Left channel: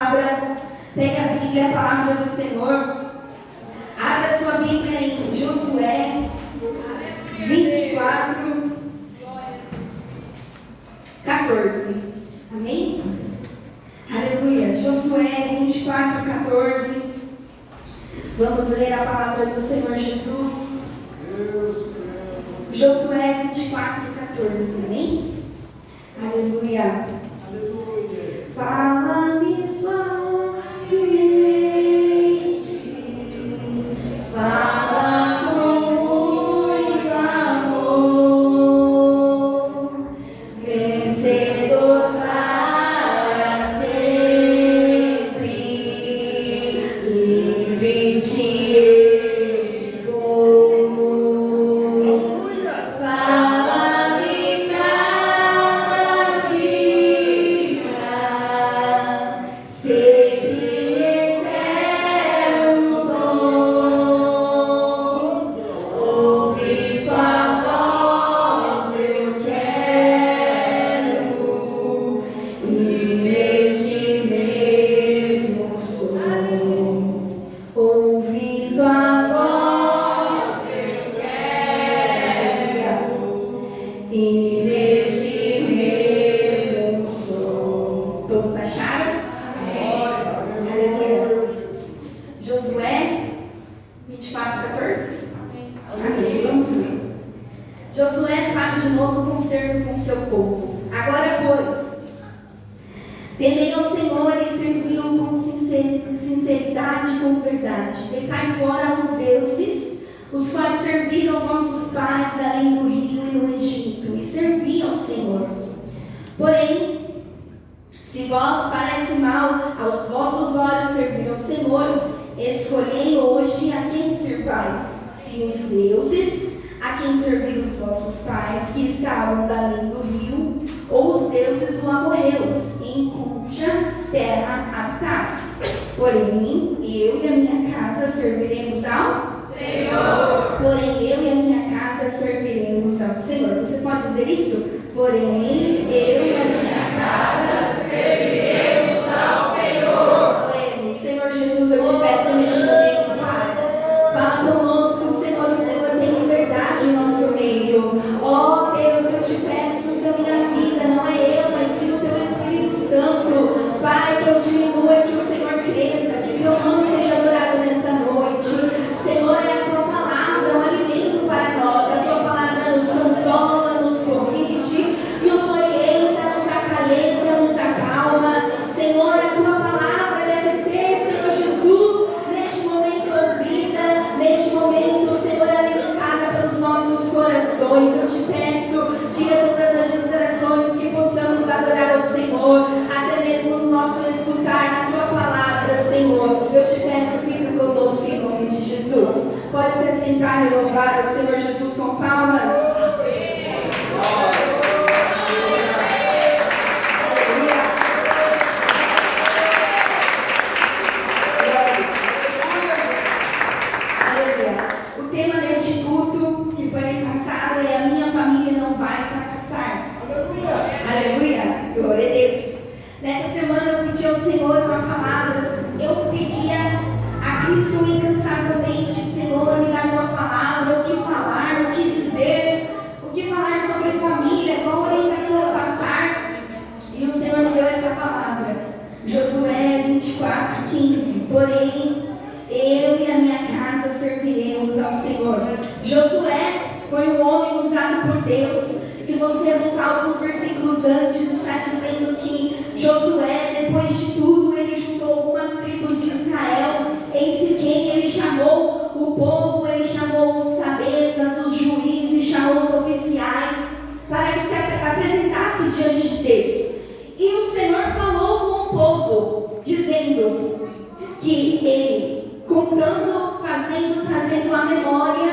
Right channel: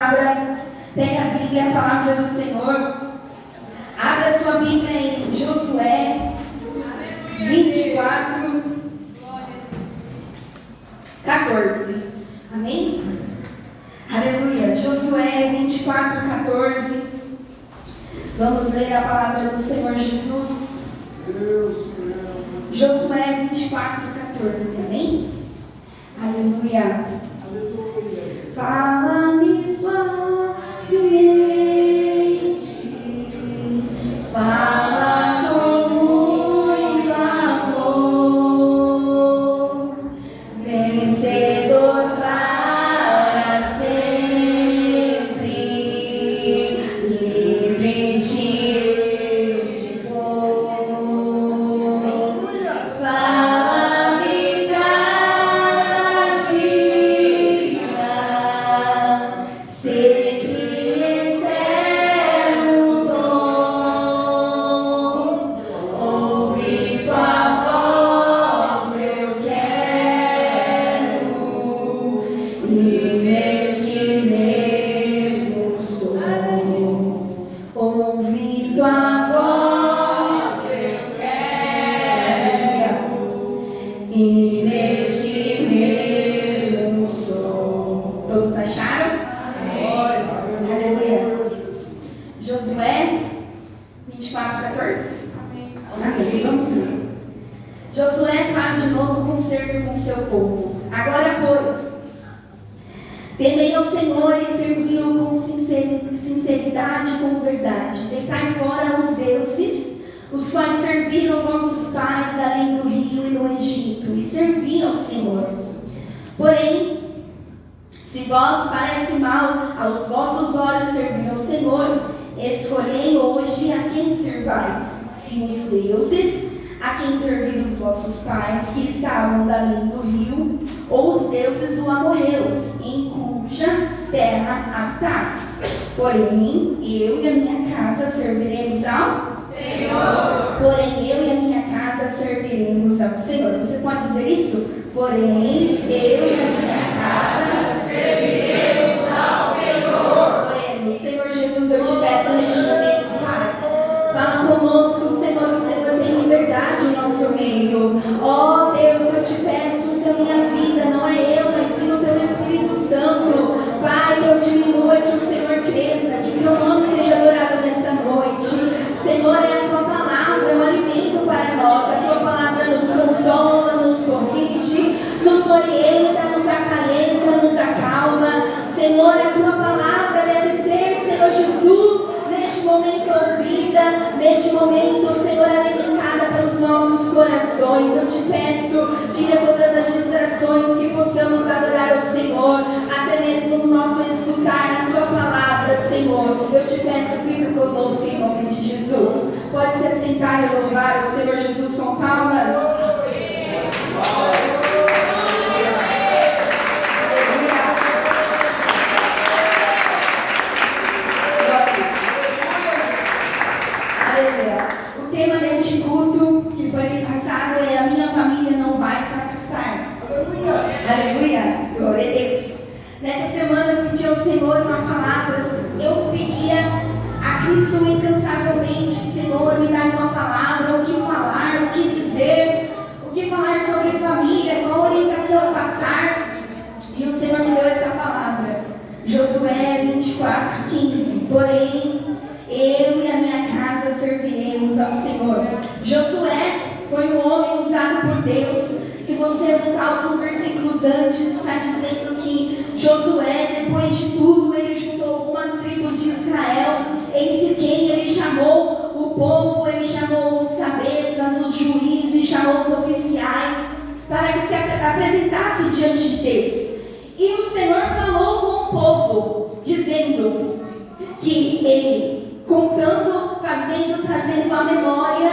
Pega a Bíblia, a palavra do Senhor. Abra sua Bíblia em Josué 24, 14. Amém? Aleluia. Josué 24, 14. Vamos ler a palavra do Senhor Jesus. Josué 24, 14. Amém? Aleluia. Fala-me suavemente, fala com muito amor, vencedor para sempre, livre-te eu te dou. Fala-me cada dia, sempre eterno dom. Ouvir tua voz eu quero, e neste mesmo som. Ouvir tua voz eu quero, e neste mesmo som. Todos acharam? Aleluia. Josué 24, 14. Amém. Vamos ler. Josué faz de novo concerto com seu povo. Agora, pois, temei ao Senhor e servi-o com sinceridade e com verdade. Deitai fora os deuses, os quais serviram vossos pais além do rio e no Egito, e servi ao Senhor. Porém, se vós parece mal aos vossos olhos servir ao Senhor, escolhei hoje a quem servais, se os deuses a quem serviram os vossos pais, que estavam além do rio, ou os deuses dos amorreus, em cuja terra habitais. Porém, eu e a minha casa serviremos ao Senhor. Porém, eu e a minha casa serviremos ao Senhor. Você pode dizer isso? Porém, eu e a minha casa serviremos ao Senhor. Porém, Senhor Jesus, eu te peço neste momento, Pai, fala conosco, Senhor, o Senhor tem liberdade em nosso meio. Ó Deus, eu te peço que a minha vida não é eu, mas sim o teu Espírito Santo. Pai, que eu diminua e que o Senhor cresça, que teu nome seja adorado nessa noite. Senhor, é a tua palavra, um alimento para nós. A tua palavra nos consola, nos corrige, nos orienta, nos acalenta, nos acalma. Senhor, a tua palavra deve ser, Senhor Jesus, neste momento ouvida, neste momento, Senhor, alimentada pelos nossos corações. Eu te peço, tira todas as distrações, que possamos adorar ao Senhor, até mesmo no nosso escutar a tua palavra, Senhor. Eu te peço, fica conosco em nome de Jesus. Pode se assentar e louvar o Senhor Jesus com palmas. O tema deste culto que foi me passado é: a minha família não vai fracassar. Aleluia. Glória a Deus. Nessa semana eu pedi ao Senhor uma palavra. Eu pedia a Cristo incansavelmente: Senhor, me dá uma palavra, o que falar, o que dizer, o que falar sobre família, qual orientação passar. E o Senhor me deu essa palavra. Josué 24, 15. Porém, eu e a minha casa serviremos ao Senhor. Josué foi um homem usado por Deus. Se você voltar alguns versículos antes, está dizendo que Josué, depois de tudo, ele juntou algumas tribos de Israel. Em Siquém, ele chamou o povo, ele chamou os cabeças, os juízes, chamou os oficiais, para que se apresentasse diante de Deus. E o Senhor falou com o povo, dizendo que ele, contando, trazendo à memória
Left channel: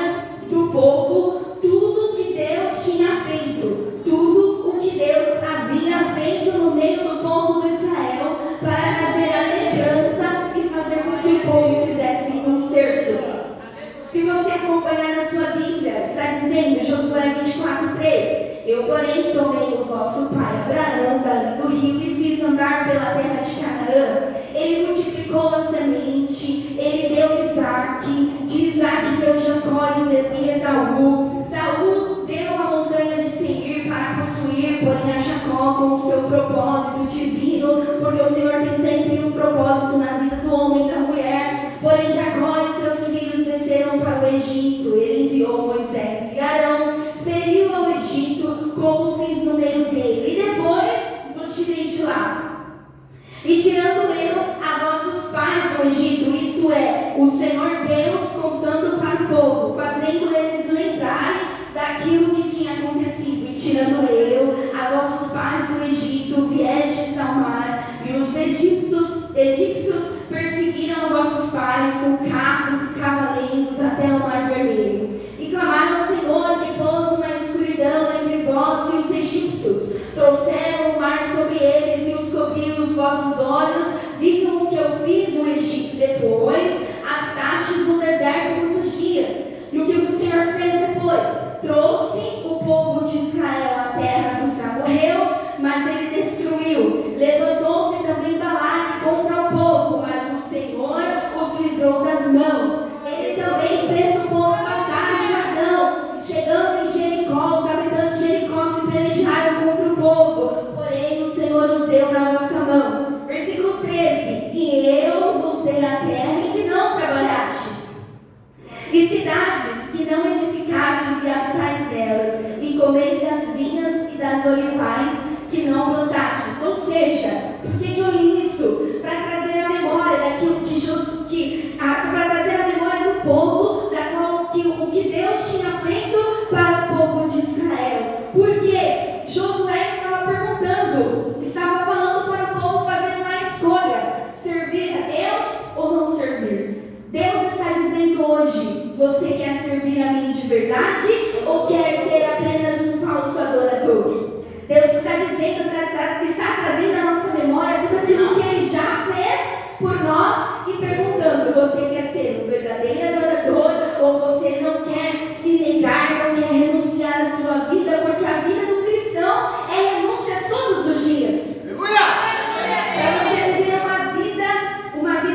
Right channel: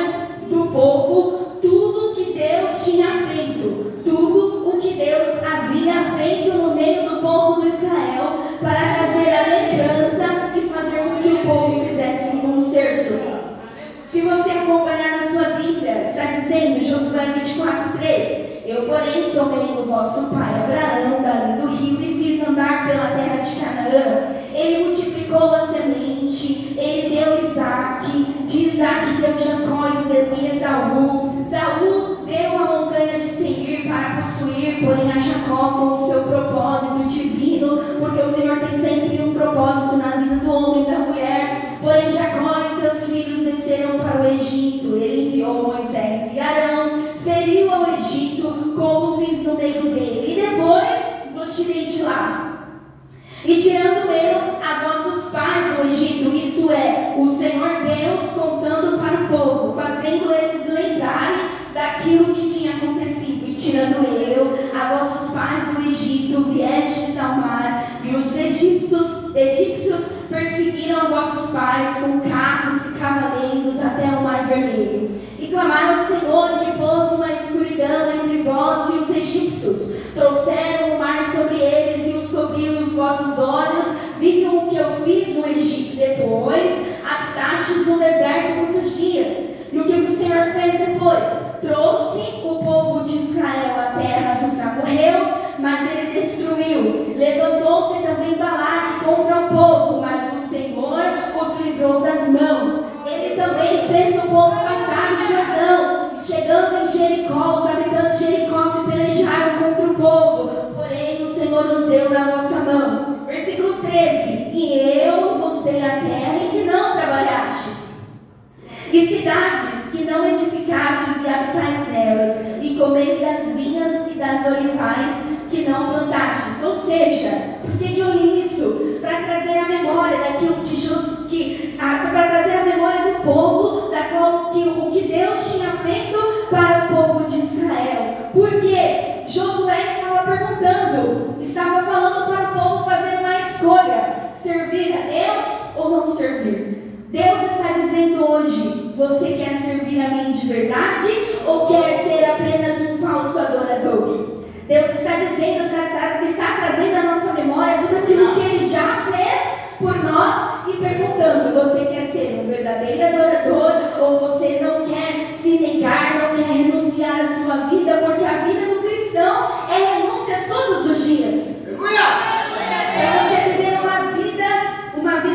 do povo tudo que Deus tinha feito, tudo o que Deus havia feito no meio do povo de Israel, para trazer a lembrança e fazer com que o povo fizesse um concerto. Se você acompanhar na sua Bíblia, está dizendo, Josué 24, 3, eu, porém, tomei o vosso pai Abraão dali do rio e fiz andar pela terra de Canaã. Isaac, de Isaac deu Jacó e Esaú. Saul deu a montanha de Seir para possuir, porém a Jacó com o seu propósito divino, porque o Senhor tem sempre um propósito na vida do homem e da mulher. Porém Jacó e seus filhos desceram para o Egito. Ele enviou Moisés e Arão, feriu ao Egito, couves no meio dele, e depois vos tirei de lá. E tirando eu a vossos pais do Egito, isso é, o Senhor Deus contando para o povo, fazendo eles lembrarem daquilo que tinha acontecido. E tirando eu a vossos pais do Egito, viestes ao mar, e os egípcios perseguiram a vossos pais com carros e cavaleiros até o mar vermelho. E clamaram ao Senhor, que pôs uma escuridão entre vós e os egípcios. Trouxeram o mar sobre eles e os cobriu os vossos olhos. Viram o que eu fiz no Egito. Depois habitastes no deserto muitos dias. E o que o Senhor fez depois? Trouxe o povo de Israel à terra dos amorreus, mas ele destruiu. Levantou-se também Balaque contra o povo, mas o Senhor os livrou das mãos. Ele também fez o povo passar o Jordão. Chegando em Jericó, os habitantes de Jericó se pelejaram contra o povo, porém o Senhor os deu na vossa mão. Versículo 13: E eu vos dei a terra em que não trabalhastes, e cidades que não edificastes e habitais nelas, e comeis das vinhas e das olivais que não plantastes. Ou seja, por que eu li isso? Para trazer a memória daquilo para trazer a memória do povo, o que Deus tinha feito para o povo de Israel. Porque Josué estava falando para o povo fazer uma escolha: servir a Deus ou não servir. Deus está dizendo hoje: você quer servir a mim de verdade ou quer ser apenas um falso adorador? Deus está dizendo, está trazendo à nossa memória tudo aquilo que Ele já fez por nós e perguntando: você quer ser um verdadeiro adorador ou você não quer se negar, não quer renunciar à sua vida? Porque a vida do cristão é renúncias todos os dias. Para você viver uma vida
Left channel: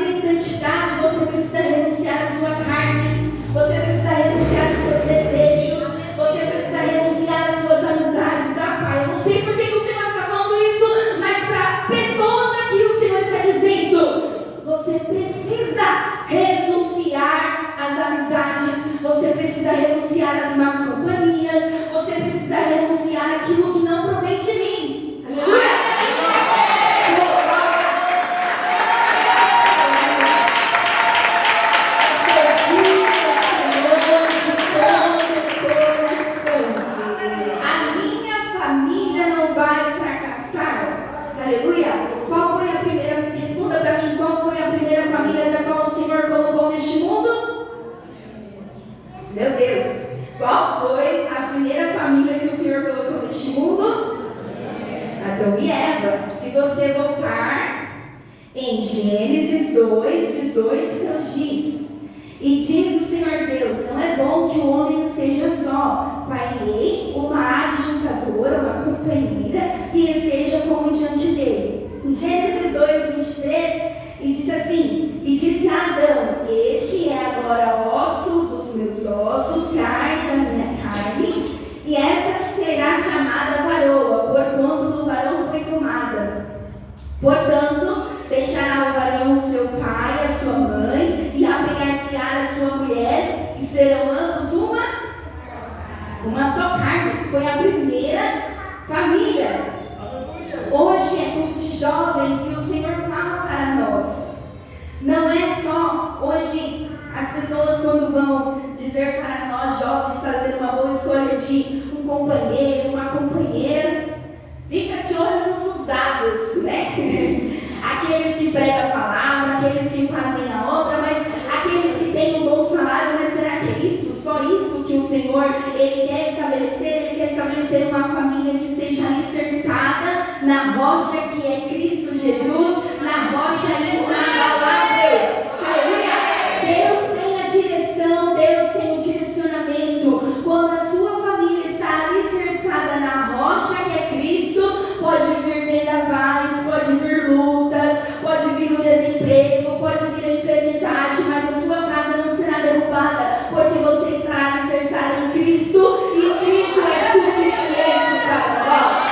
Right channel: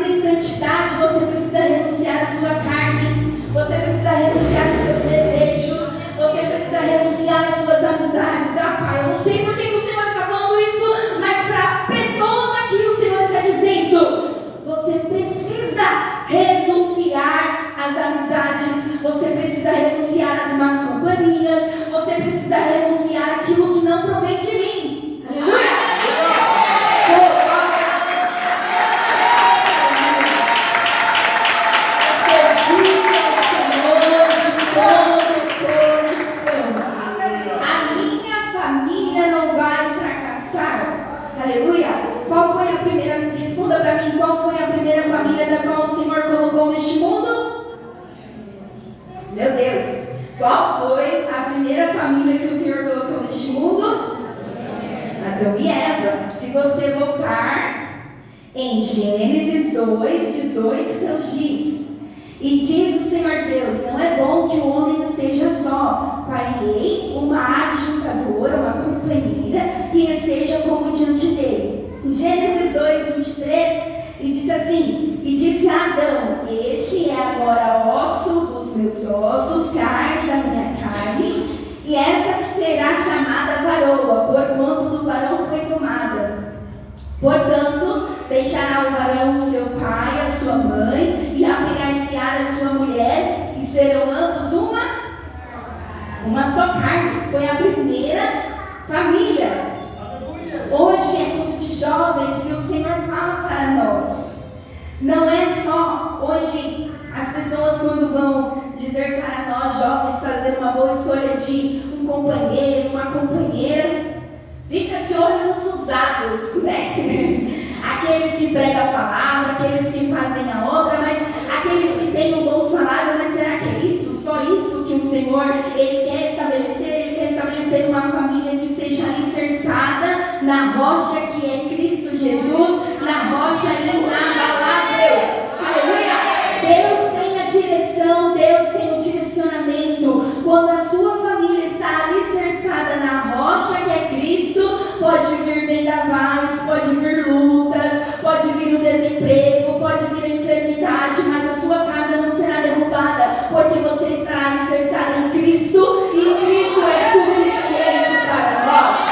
em santidade, você precisa renunciar à sua carne, você precisa renunciar aos seus desejos, você precisa renunciar às suas amizades. Pai, eu não sei por que o Senhor está falando isso, mas para pessoas aqui o Senhor está dizendo: você precisa renunciar às amizades, você precisa renunciar às más companhias, você precisa renunciar àquilo que não provém de mim. Aleluia! Responda para mim, qual foi a primeira família da qual o Senhor colocou neste mundo? Meu Deus! Qual foi a primeira família que o Senhor colocou neste mundo? Adão e Eva. Se você voltar em Gênesis 2:18, Deus diz: e diz o Senhor Deus: não é bom que o homem esteja só. Farei uma adjuntadora, uma companheira, que esteja como diante dele. Gênesis 2:23, e disse assim: e disse a Adão: este é agora osso dos meus ossos, carne da minha carne, e esta será chamada varoa, porquanto do varão foi tomada. Portanto, deixará o varão seu pai, a sua mãe, e apegar-se-á a sua mulher, e serão ambos uma só carne. Foi a primeira família. Hoje é culto de jovens e o Senhor fala para nós. Não é só hoje as pessoas, quando vão dizer para nós jovens fazer uma boa escolha de um companheiro, uma companheira, fica de olho nos usados, né? Aqueles que pregam a palavra, aqueles que fazem a obra, mas aqueles que têm um bom salário. Mas será que é isso? Só isso que o Senhor Ele quer estabelecer? Ele quer estabelecer uma família que seja alicerçada na rocha que é Cristo Jesus, na rocha inabalável. Aleluia! Deus tem a direção, Deus tem o direcionamento. Quando a sua família está alicerçada na rocha que é Cristo, pode vir vendavais, pode vir lutas, pode vir o desemprego, pode vir a enfermidade, mas a sua casa não será porque você estará alicerçado em Cristo e Cristo é suficiente para nós.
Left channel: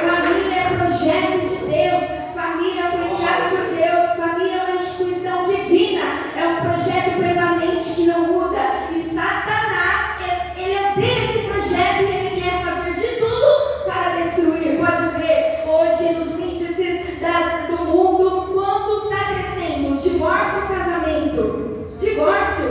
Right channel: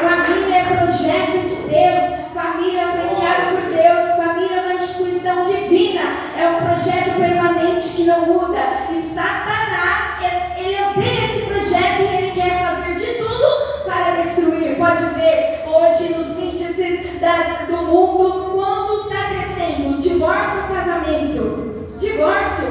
Família é projeto de Deus, família foi criada por Deus, família é uma instituição divina, é um projeto permanente que não muda. E Satanás, ele odeia esse projeto e ele quer fazer de tudo para destruir. Pode ver hoje nos índices do mundo quanto está crescendo divórcio ou casamento. Divórcio,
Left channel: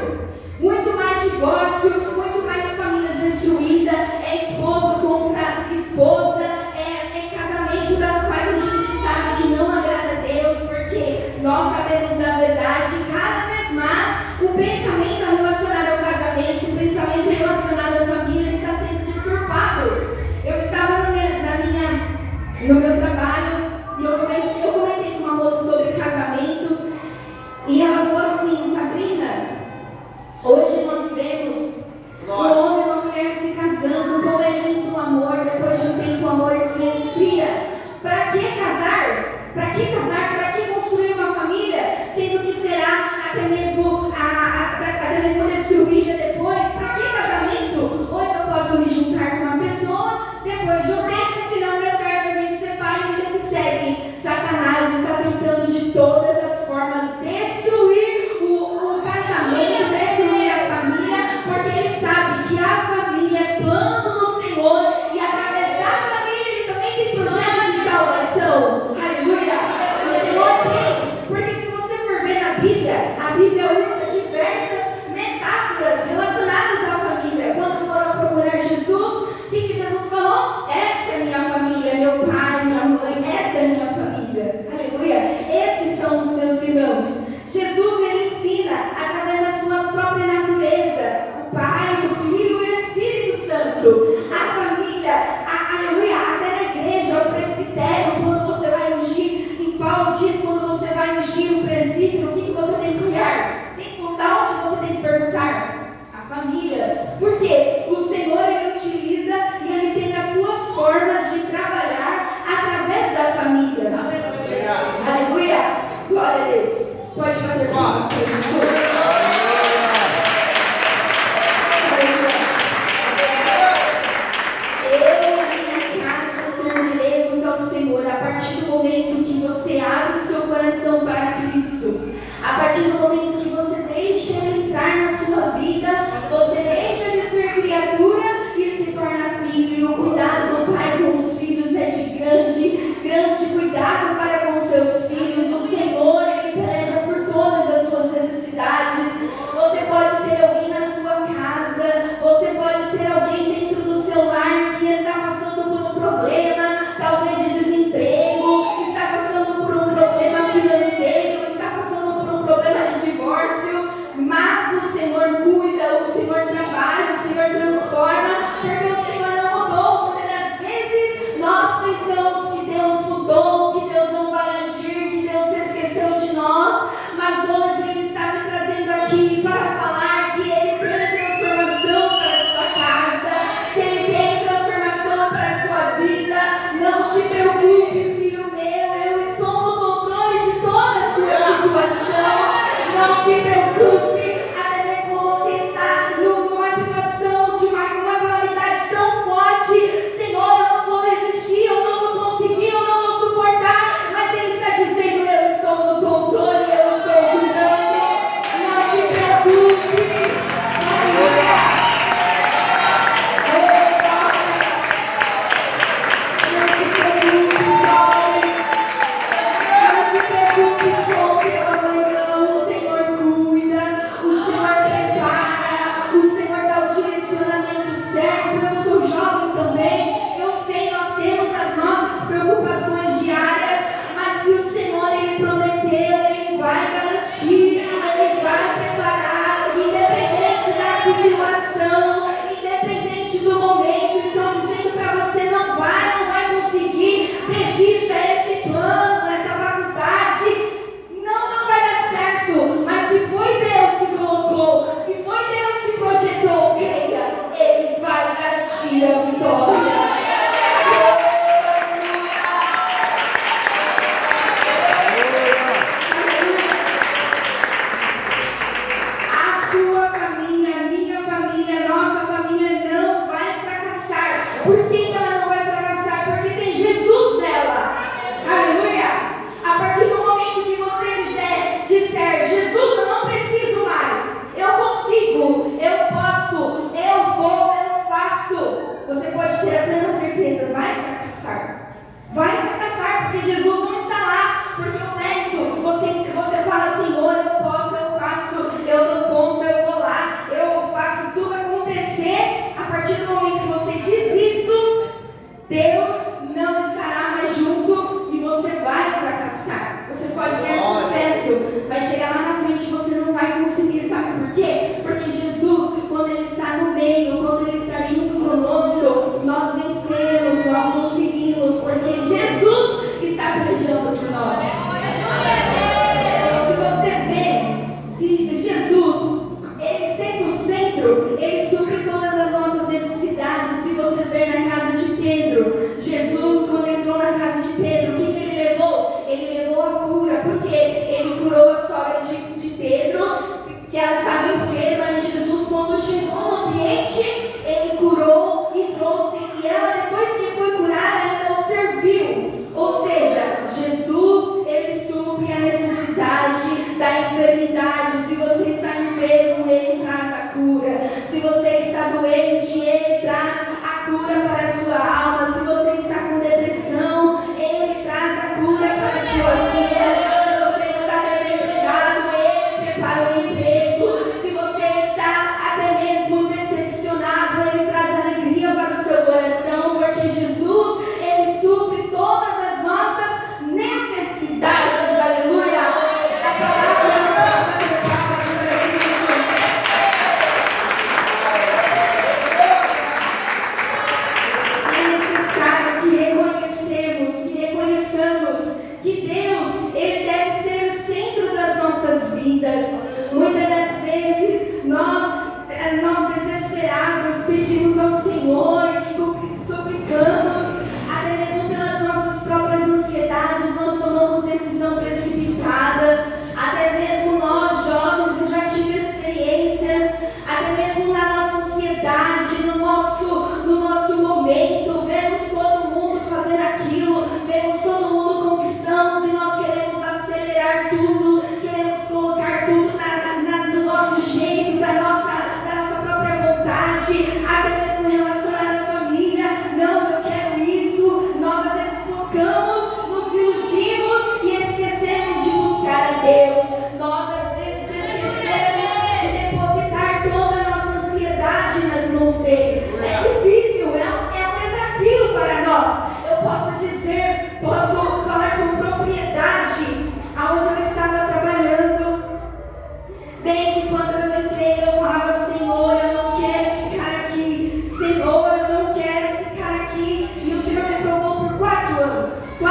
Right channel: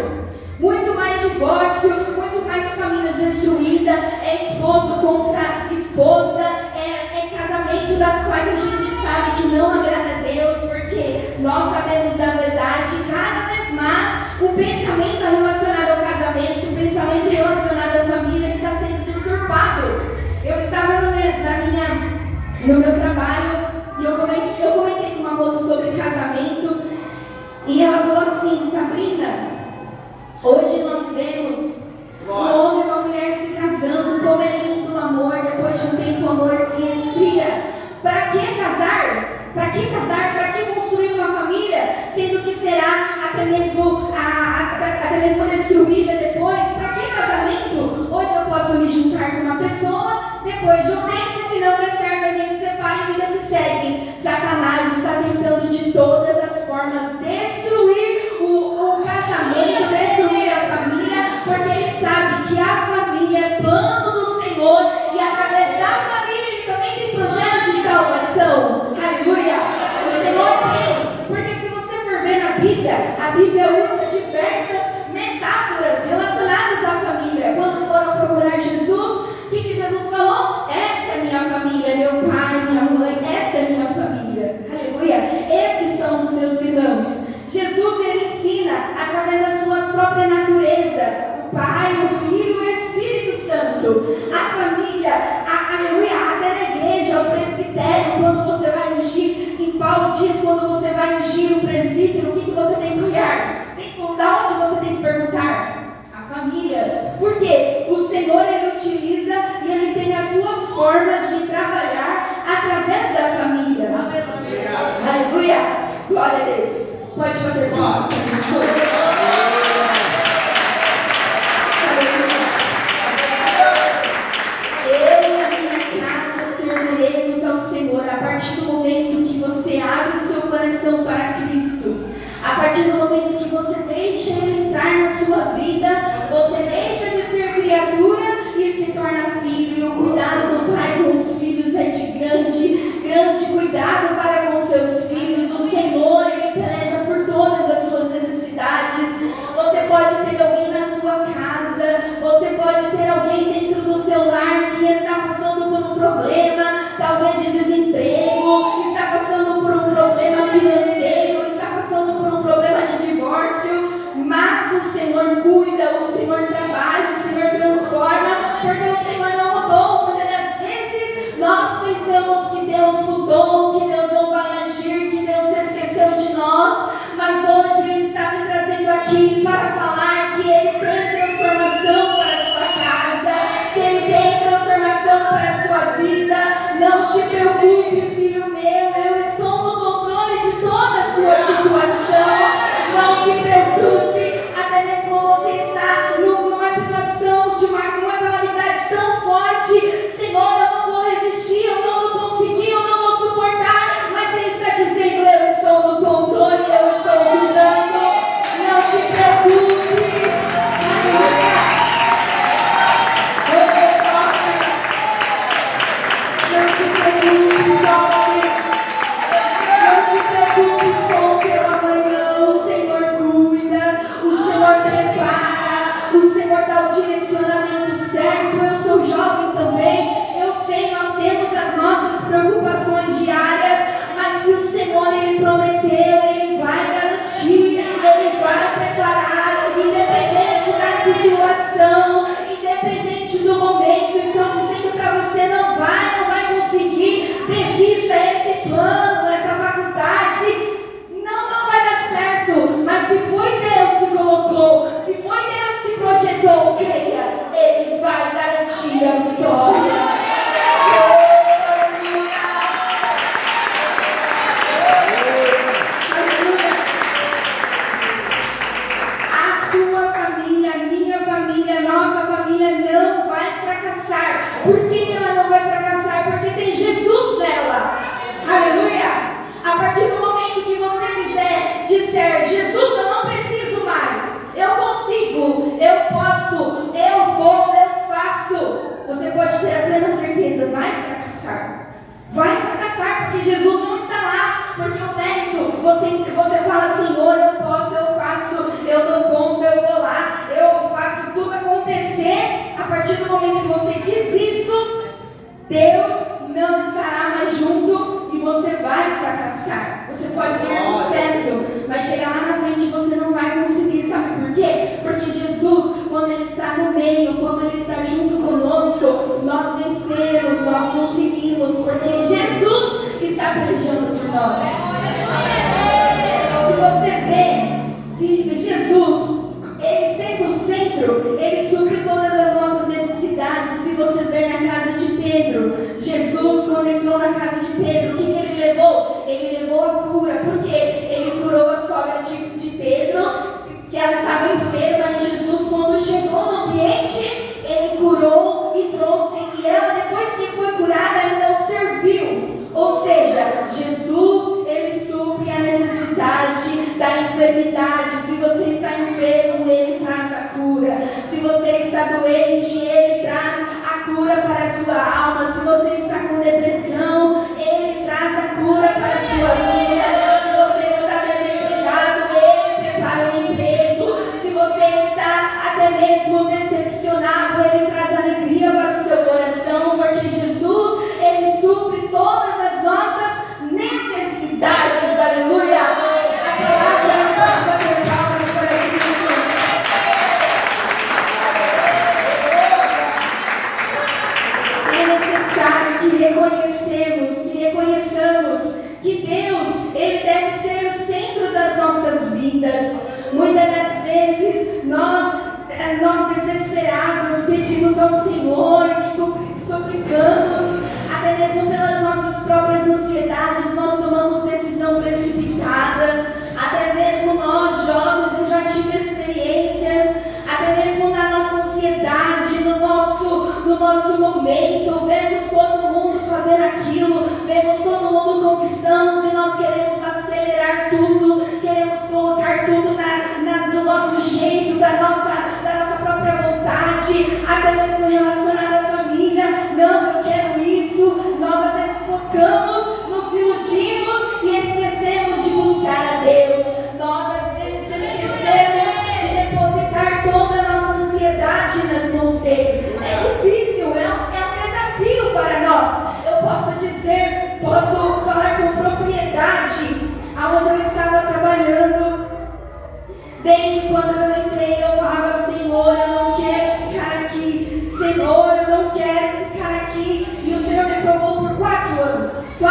muito mais divórcio, muito mais famílias destruídas, é esposo contra esposa, é casamento das quais a gente sabe que não agrada a Deus, porque nós sabemos a verdade. Cada vez mais o pensamento relacionado ao casamento, o pensamento relacionado à família está sendo distorcido. Eu estava no meu trabalho e eu comentei com uma moça sobre casamento e ela falou assim: Sabrina, hoje nós vemos um homem e uma mulher se casando, como é lindo o amor, depois de um tempo o amor se esfria. Para que casar? Para que casar? Para que construir uma família, sendo que será até mesmo destruída depois? Para que casamento? Hoje eu posso me juntar com uma pessoa, depois de um tempo, se não der certo, a gente separa e vida que segue. Satanás está tentando de todas as formas destruir o casamento, destruir a família, porque ele sabe que a família é plano do Senhor e através da família ele também tem projeto de salvação. Aleluia! O Senhor tem, porque se você for ver na Bíblia, a Bíblia usa diversas metáforas relacionadas à família. Quando foram procurar Jesus, o que Jesus falou? Esta é minha família, meu pai, minha mãe, esta é minha família. Aleluia! Esses são os meus irmãos. Jesus, ele ensina através da sua própria natureza, o Pai, o Filho e o Espírito Santo. A família, aleluia, até na igreja, o presbitério, quando você vai ungir, em Paulo diz, quando você vai ungir o presbítero, o que você tem que olhar? Da onde você tem que perguntar? A família. Porque o Senhor, ele utiliza e ele tem as suas formas de trabalhar através da família. Aleluia. Aleluia. Glória a Deus. Pode bater palmas para Jesus. Eu e a minha casa serviremos ao Senhor. A partir do momento que você abre o seu coração para Cristo, a partir do momento que você deixa Ele entrar na sua vida, você deixa de ser criatura e se torna filho. E o cuidado do Pai com os filhos é de grande cuidado para com seus filhos. O Senhor, Ele peleja por todas as suas necessidades. Você pode ter alguém na sua casa, você pode ter alguém dentro do seu lar que está passando por um problema, talvez de desemprego, está passando por um problema financeiro, está passando por um problema de divórcio, mas o Senhor cuida, o Senhor trabalha, o Senhor transforma, porque o Senhor não mudou. Muitas das vezes nós pensamos que Deus mudou, que Deus não vai agir, que Deus se esqueceu de nós, mas hoje Ele está me trazendo aqui para falar que Ele tem transformação para a sua casa, que Ele tem transformação para a sua vida. Não te preocupe, filho meu, eu estou no controle de toda a sua situação. Não te preocupe, até mesmo você está numa situação de uma calamidade tão forte. Senhor, eu não vou resistir, eu não vou conseguir, eu não vou suportar, mas Ele está dizendo: eu estou no controle, eu estou cuidando. Não te preocupe. Aleluia. Não te preocupe, jovem. Por que ela não vai fracassar? Porque tem Jesus nela. Aleluia! A partir do momento que você disser, Jesus, eu não preciso mais, eu consigo, eu posso, eu vou, eu faço, você pode ter a plena certeza, vai fracassar. Vai fracassar, porque Jesus não está lá. Porque o mérito, você fala, Senhor, eu posso, eu faço, eu dou conta, eu vou lá, eu faço tudo acontecer. A partir do momento que você diz isso, Deus não estará mais junto e você vai fracassar. Você pode ter sucesso, vai chegar lá na frente e você não vai conseguir. Sabe por quê? Porque Jesus, quando Ele está no meio, quando Ele está junto conosco, nós vencemos, nós conseguimos, porque Jesus está pelejando por nós. Se você vê, se Jesus, Ele sendo o centro, Ele supre todas as nossas necessidades. Se você ver na casa de Pedro, Jesus, quando entrou na casa de Pedro, o que Ele levou? Ele levou a cura, porque Ele curou a sogra de Pedro, que ela estava enferma, e Jesus, quando chegou no ambiente, Ele curou e trouxe, e ela, depois que foi curada, ainda o serviu. Ou seja, Jesus, Ele supre a necessidade da enfermidade. Se você está enfermo, Ele traz a cura. Se você está doente, Ele traz a cura para a sua alma. Se você está com depressão, Ele traz a cura para a sua vida. Se você está desempregado, Ele prepara o emprego. Se você está até mesmo decepcionado, Ele traz alegria para o seu coração, porque Jesus, Ele supre todas as nossas necessidades. Aleluia! A palavra é necessário que reconheçamos que Deus, Ele deve ser o centro das nossas vidas. Muitas das vezes nós desesperados pedimos ao Senhor e suplicamos, até mesmo pelas nossas próprias ansiedades, nós tomamos decisão precipitada. Até mesmo nós, jovens, eu já tive experiências, até mesmo na nossa ansiedade, no nosso momento, vemos todo mundo fazendo aquilo, vemos todo mundo conquistando, e nós queremos acelerar tudo, queremos colocar tudo do nosso jeito, da nossa própria vontade, até mesmo relacionado à família. Não, eu quero isso. Nós às vezes focamos, nos iludimos e esquecemos de buscar a Deus. Nós às vezes esquecemos de depositar toda a nossa ansiedade nas mãos dele. É difícil, é um desafio para nós. Eu posso falar com propriedade, aonde eu estava trabalhando. Desde quando eu entrei, eu falava, Senhor, eu não quero ficar aqui. Senhor, eu não quero ficar aqui. E o Senhor me provou por 4 anos. 4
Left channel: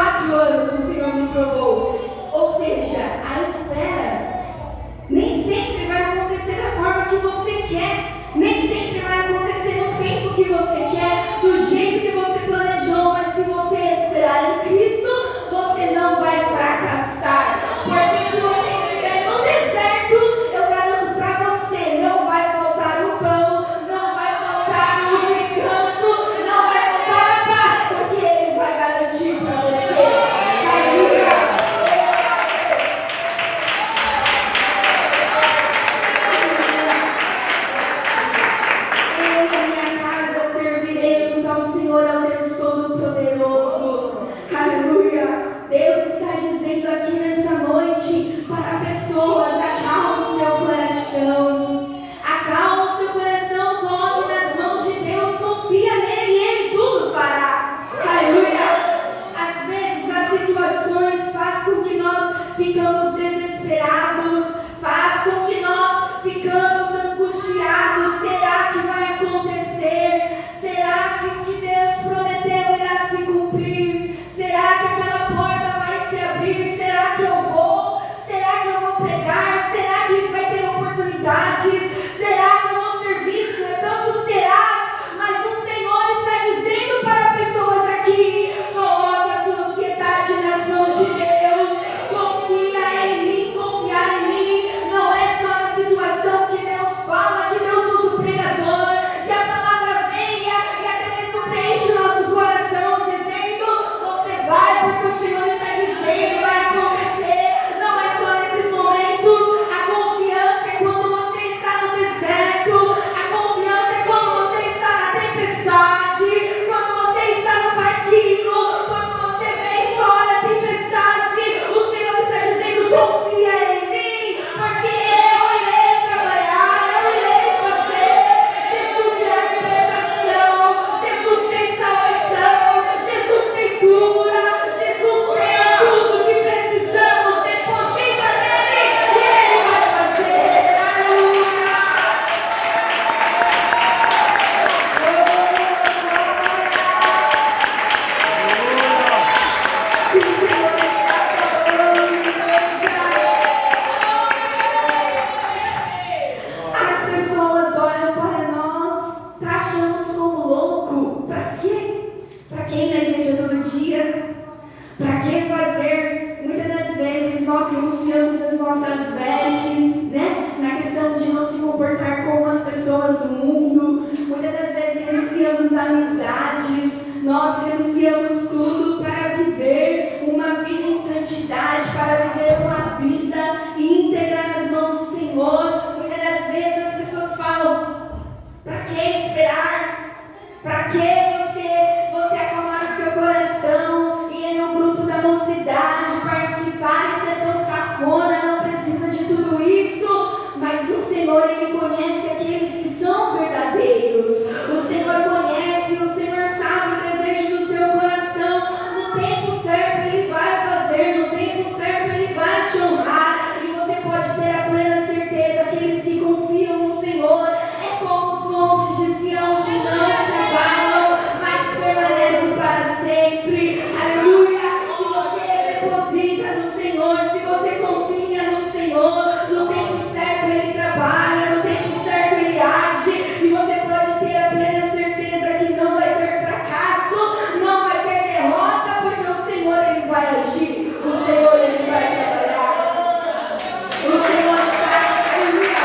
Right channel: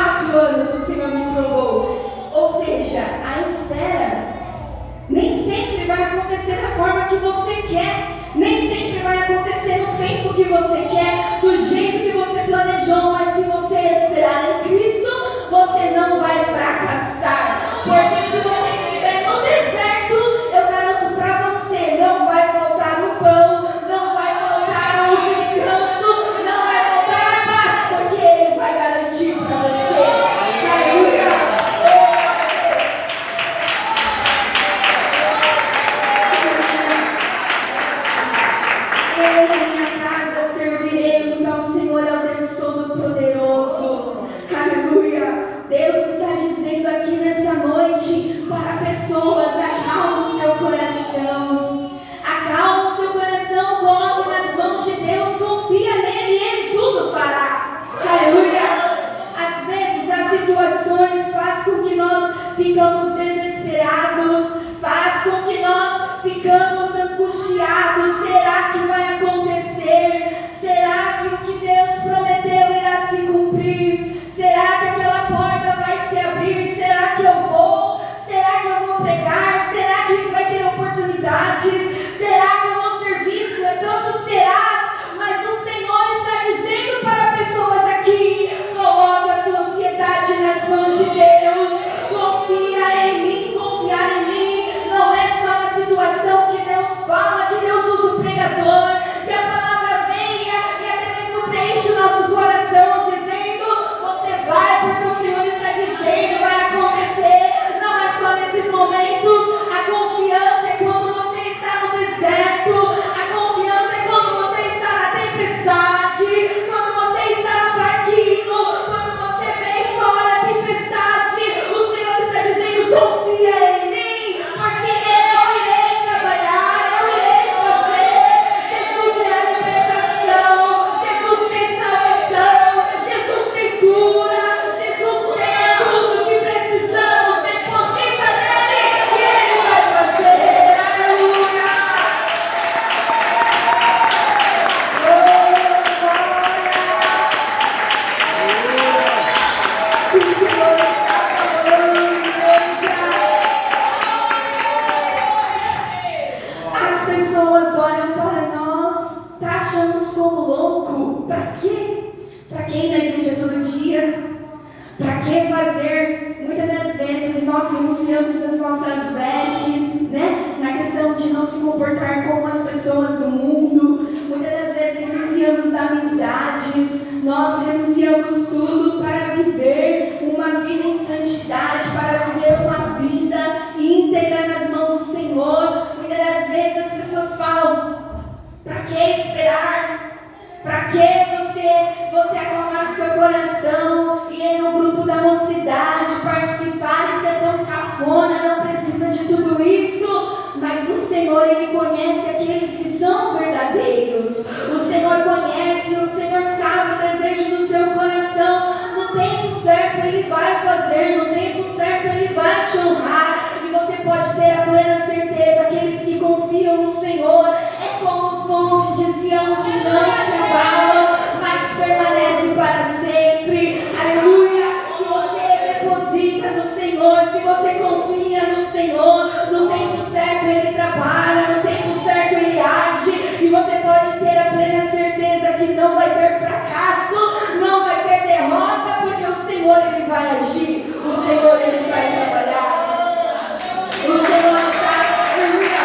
iniquidades. Nós renunciamos tudo para viver uma vida em santidade, para viver uma vida íntegra nas mãos do Senhor. Muitas das vezes as pessoas falam: para que esperar? Para que você acalmar o seu coração e ir no grupo da mocidade, participar e ser tão cafona? Não precisa de tudo isso. Mas o Senhor, Ele conhece aqueles que são verdadeiros. O Senhor conhece, o Senhor sabe o desejo do seu coração. No tempo certo Ele vai fazer, no tempo certo Ele vai te honrar. E você pode ter a plena certeza, aqueles que confiam no Senhor, é como os montes de Sião que não se abalam, mas permanecem para sempre. Aleluia! Se você deposita no Senhor, se você confia no Senhor, no tempo certo Ele trabalha, no tempo certo Ele age, e você pode ter a plena certeza que não vai ter fracasso, não vai ter derrota, porque o Senhor Ele vai agir, o Senhor Ele vai trabalhar, o Senhor está, aleluia,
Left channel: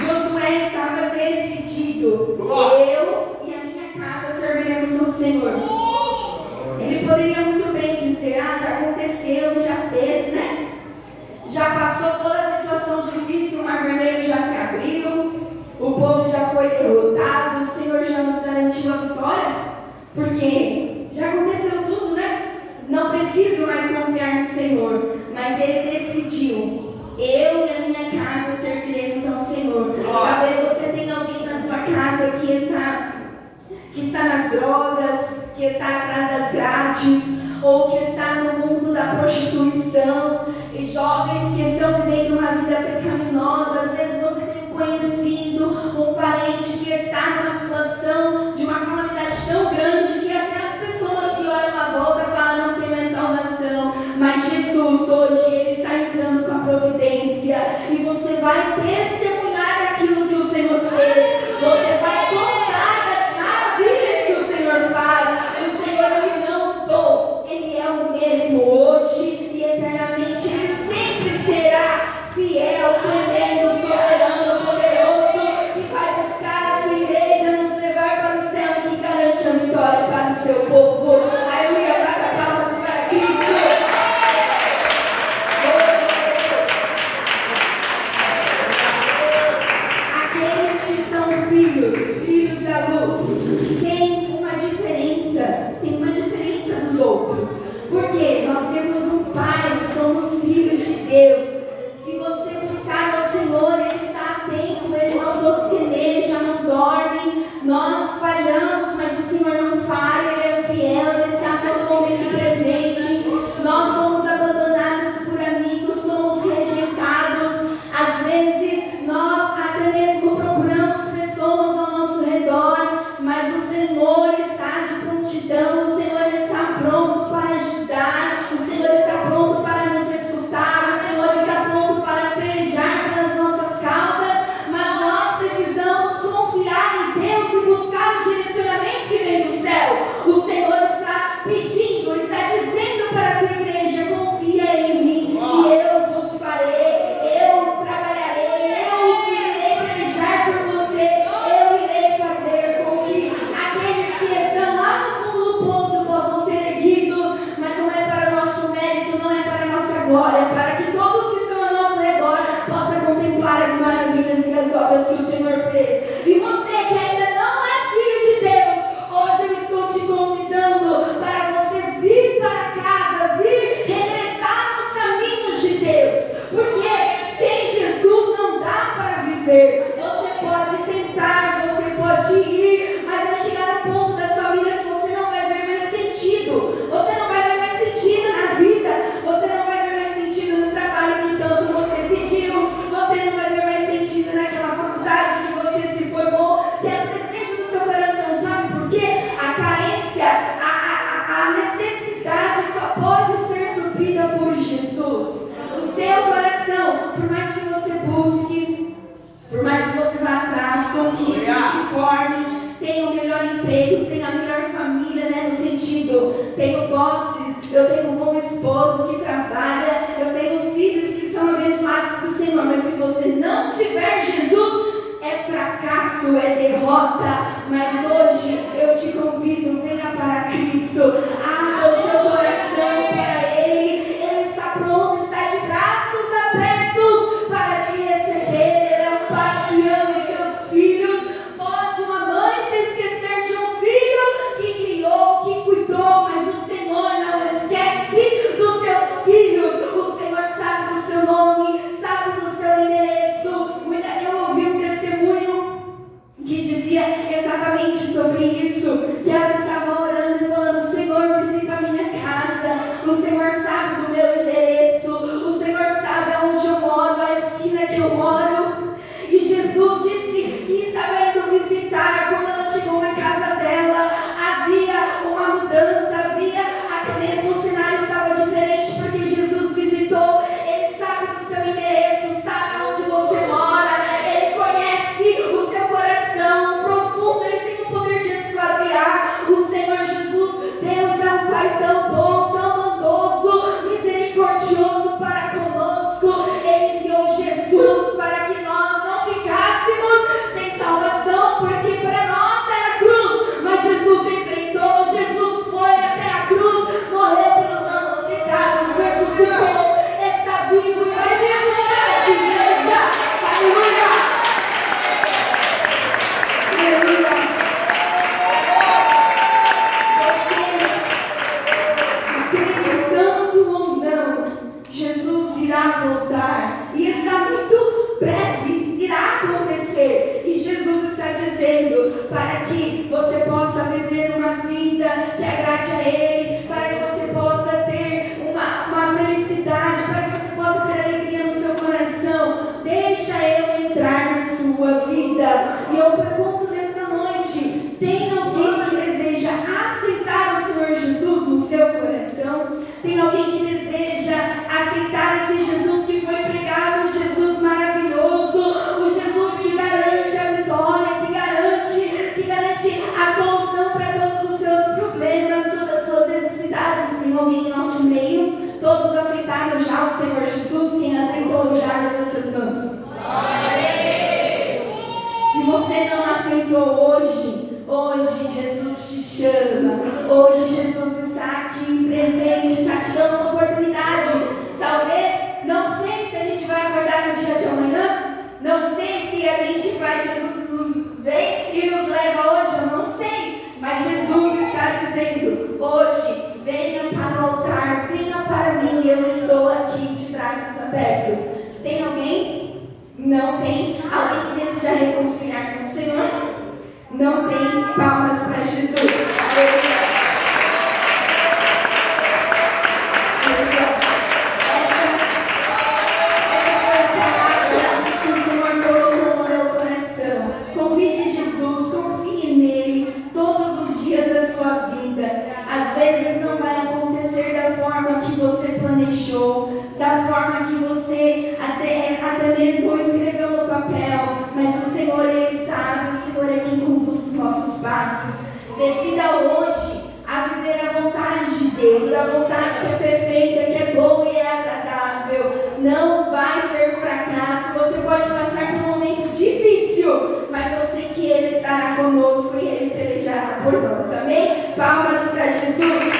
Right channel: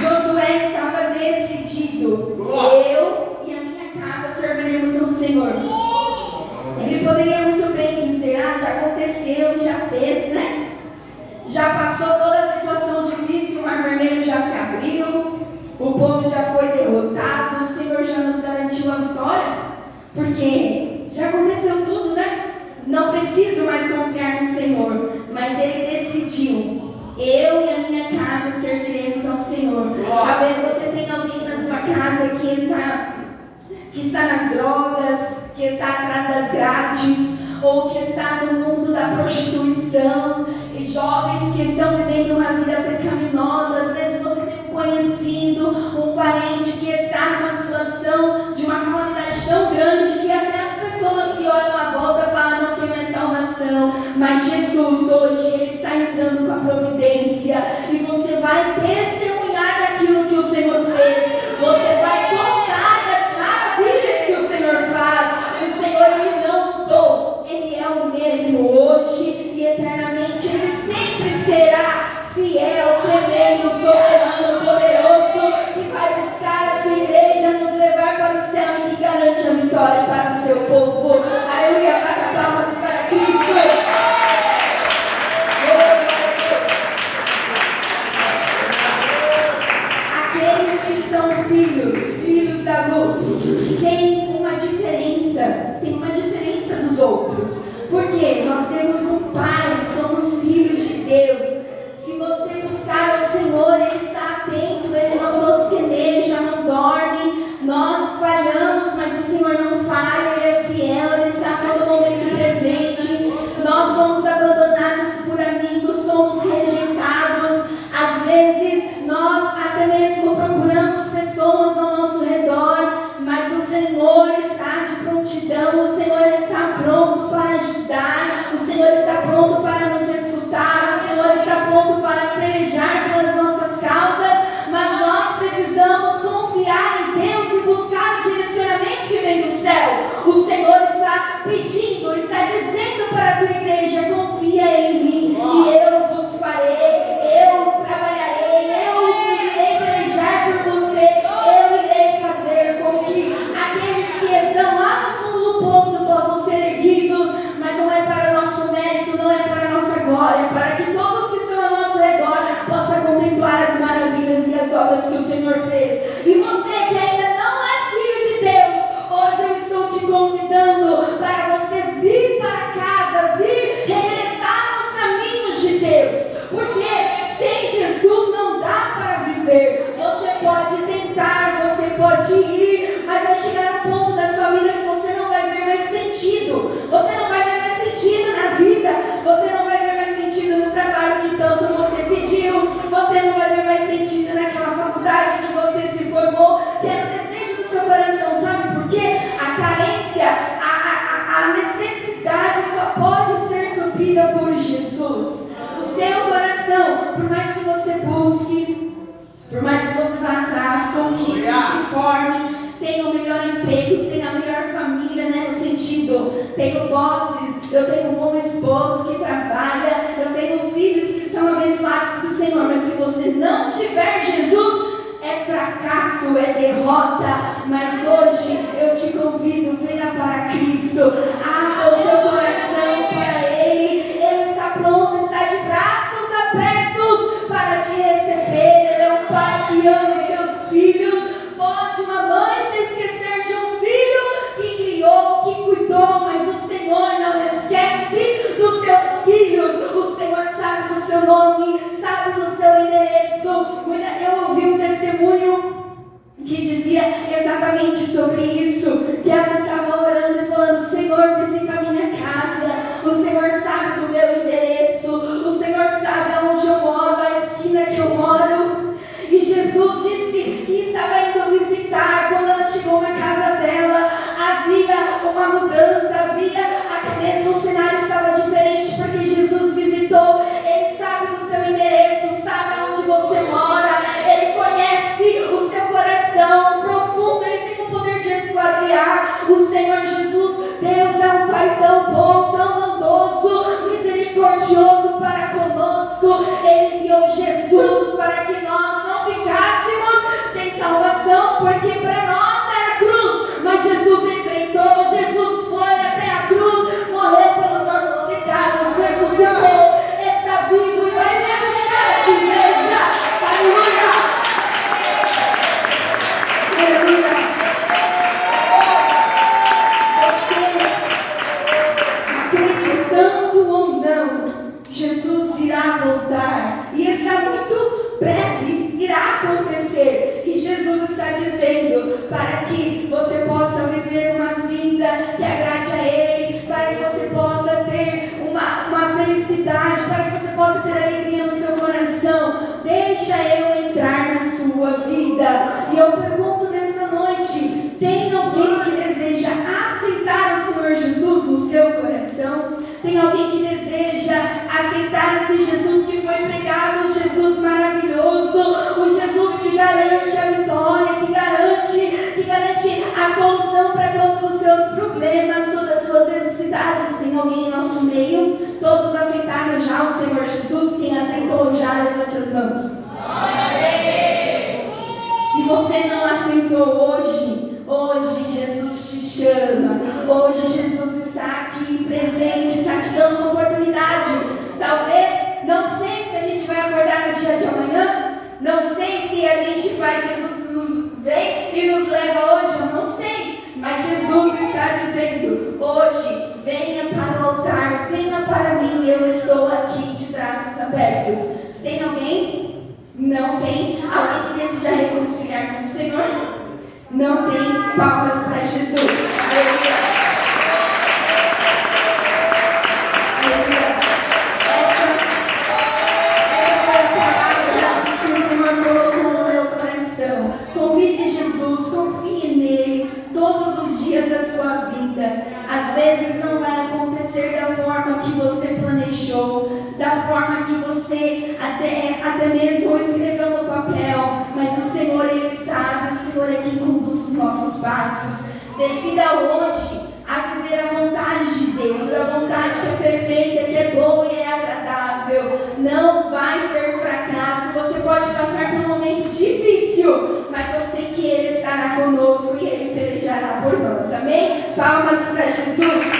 Josué estava decidido: eu e a minha casa serviremos ao Senhor. Ele poderia muito bem dizer: já aconteceu, já fez, né? Já passou toda a situação difícil, o Mar Vermelho já se abriu, o povo já foi derrotado, o Senhor já nos garantiu a vitória, porque já aconteceu tudo, né? Não preciso mais confiar no Senhor. Mas Ele decidiu: eu e a minha casa serviremos ao Senhor. Talvez você tenha alguém na sua casa que está nas drogas, que está atrás das grades, ou que está no mundo da prostituição, e jovens que estão vivendo uma vida pecaminosa. Às vezes você tem um conhecido, um parente que está numa situação de uma comunidade tão grande que até as pessoas que olham à volta falam: não tem mais salvação. Mas Jesus hoje Ele está entrando com a providência, e você vai testemunhar daquilo que o Senhor fez. Você vai contar das maravilhas que o Senhor faz. O Senhor Ele não mudou, Ele é o mesmo hoje e eternamente. Ele sempre será fiel, tremendo, soberano, poderoso, que vai buscar a sua igreja, nos levar para o céu e que garante a vitória para o seu povo. Aleluia, bata palmas para Cristo. Aqueles que são filhos da luz, têm uma diferença dos outros, porque nós temos um Pai, somos filhos de Deus. Se você buscar ao Senhor, Ele está atento, Ele não bosqueneja, não dorme. Nós falhamos, mas o Senhor não falha, Ele é fiel, Ele está todo momento presente. Nós somos abandonados por amigos, somos rejeitados. Às vezes nós até mesmo procuramos pessoas ao nosso redor, mas o Senhor está de prontidão, o Senhor está pronto para ajudar, o Senhor está pronto para nos escutar, o Senhor está pronto para pelejar pelas nossas causas, mas nós precisamos confiar em Deus e buscar o direcionamento que vem do céu. O Senhor está pedindo, está dizendo para a tua igreja: confia em mim e eu vos farei, eu trabalharei, eu irei pelejar por você, eu irei fazer com que aqueles que estão lá no fundo do poço possam ser erguidos. Mas não é para o nosso mérito, não é para a nossa glória, é para que todos que estão ao nosso redor possam contemplar as maravilhas e as obras que o Senhor fez. E você que ainda não é filho de Deus, hoje eu estou te convidando para você vir para casa, vir regressar nos caminhos de Deus, porque sem Jesus não dá para viver. Você pode tentar, você pode ir, mas vai chegar um ponto da sua vida que você não vai ver mais sentido. Você não vai ver mais sentido na vida, você não vai ver mais sentido no trabalho que tanto você pediu, você não vai ver mais sentido naquela faculdade que você se formou, que era o desejo do seu coração. Sabe por quê? A carência, a necessidade só pode ser suprida por Jesus. O seu coração, por mais que você busque, por mais que você vá atrás, conquiste, se forme, tenha o melhor emprego, tenha a melhor família, né? No sentido, tenho posses, eu tenho um bom esposo que trabalha, eu tenho filhos que são abençoados do Senhor, mas se você não tiver fracasso, é derrota. Mas hoje eu te convido, venha para Cristo. Abra o seu coração para Ele. Ele está pronto, está de braços abertos para te receber. Ele é um pai que ama os seus filhos. Pode uma mãe se esquecer de um filho que criou, que cuidou, mas o Senhor não esquece dos seus filhos. O Senhor sabe do seu nome, sabe do seu endereço. Eu ouvi um testemunho que dizia exatamente sobre isso, que ela estava orando e falando: Senhor, visita a minha casa, o Senhor sabe do meu endereço, o Senhor sabe aonde eu moro, a esquina que eu moro. E Jesus disse que estava indo visitar. Quando ela chegou na casa dela, havia uma mudança, havia até mesmo o cenário estava diferente, porque Jesus visitou. Ele sabe do seu endereço, sabe aonde você mora, Ele conhece o seu coração profundo, Ele tem o poder de esquadriar. O Senhor Jesus, Deus é um Pai tão bom, tão bondoso, misericordioso para conosco. Ele enviou Jesus para que nós não ficássemos sem salvação, porque para nós era cruz, mas Jesus enfrentou, Jesus foi até a cruz, morreu pelos nossos pecados, ressuscitou, está vivo e vai vir buscar a igreja. Aleluia! Aleluia! Você, acreditando ou não, Jesus irá voltar e está muito breve, irá acontecer. E Jesus está dizendo para que você possa viver uma vida que agrade a Ele, para que você possa ter uma felicidade, para que você possa ter alegria no seu coração. Deixa eu entrar na sua vida. E eu pergunto nessa noite: tem alguém que deseja aceitar o Senhor Jesus no seu coração? Tem alguém que deseja aceitar esse Jesus que foi pregado, o Jesus maravilhoso, o Jesus que garante a vitória, que garante a solução para todos os seus problemas, todas as suas necessidades? Tem alguém em nosso meio? Todos aceitaram já o Senhor Jesus? Quem aceitou já, levante as mãos. Se você não aceitou hoje Jesus te chama. Hoje Jesus está aqui presente, está te dando uma oportunidade. Talvez, não sei se a gente vai acordar no dia de amanhã, não sei se a gente vai, Jesus nos vem e nos leva hoje, eu não sei. Mas Jesus está dizendo: hoje, venha para o altar, venha para mim, eu estou aqui de braços abertos. Tem alguém? Não tem? Alguém que deseja reconciliar com o Senhor? Não tem? Palmas para Jesus. Aleluia. Aleluia. Essa é a palavra que o Senhor colocou no meu coração. Convide Jesus, confie nele todos os dias da sua vida. Às vezes não vai acontecer da forma que você planejou, da forma que você até mesmo escreveu no papel, mas o Senhor, Ele sabe, o Senhor é quem conduz os nossos passos. Decida hoje a viver a vontade de Deus, a vontade que é perfeita, que é boa e é agradável. Não vai ter fracasso. Você pode passar por um momento difícil, mas eu sei que Ele estará conosco e Ele pelejará por nós. Amém? Palmas para Jesus.